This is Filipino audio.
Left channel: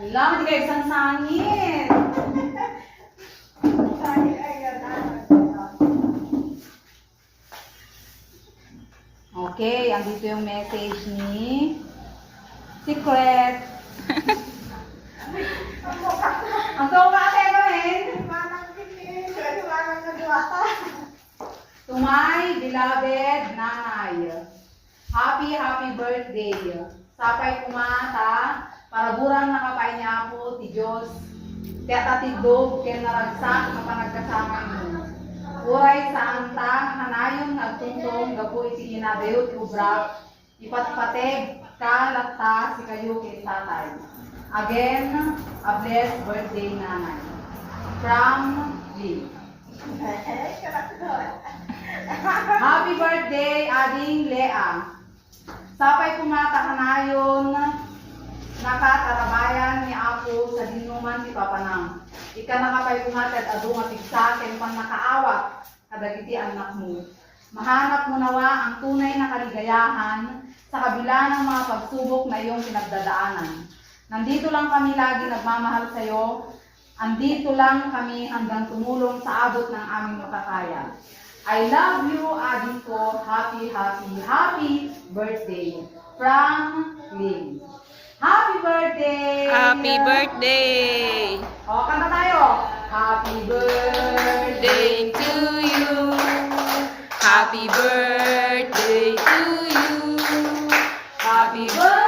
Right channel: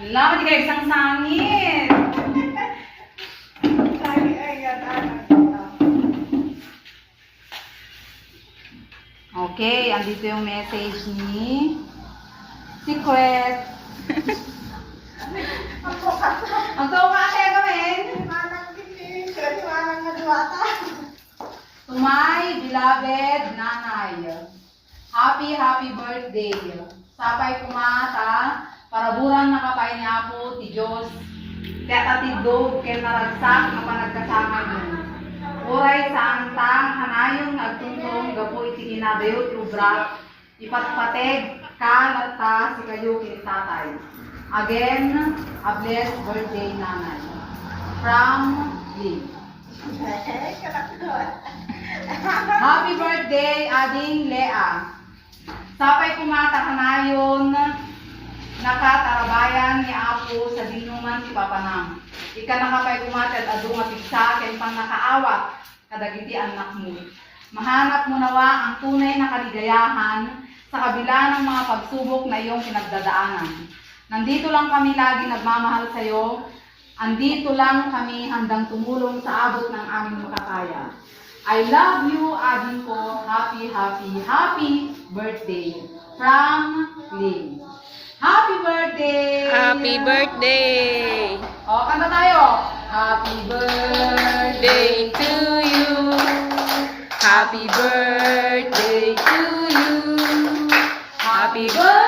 Alam, hindi kayo isang sangit. Okay, andito yung message ni Secret. Ang tawa ka tayo gawin. To my beloved nanay. Happy birthday. Sapay kumata, para burang nakapay niya po, ti Diyos. Kaya tatigdog, kaya naragsak na panagkasama niyo. Uray sa antang, hanayon nagtungtong, gapoy si kinabiyot, ubrak, ipatpateg, kalata, si kayo kay tatay. Again, a blessed birthday, nanay. From Lee. Happy birthday, Ading Lea. Sapay kumata kanayon, nakatarabayan ni Apo sa dinuman si Papanang. Ika nakapay kumata at ado mapigsa, ken pang nakaawat, kadagiti anak mo. Mahanap mo nawa ang tunay na kaligayahan sa kabila ng mga pagsubok na iyong pinagdadaanan. Nandito lang kami lagi nagmamahal sa iyo. Andito lang kami handang tumulong sa abot ng aming makakaya. I love you, Ading ko. Happy birthday. From Ling. Happy birthday! Happy birthday! O, kanta tayo. Happy birthday to you. Happy birthday to you. Happy birthday.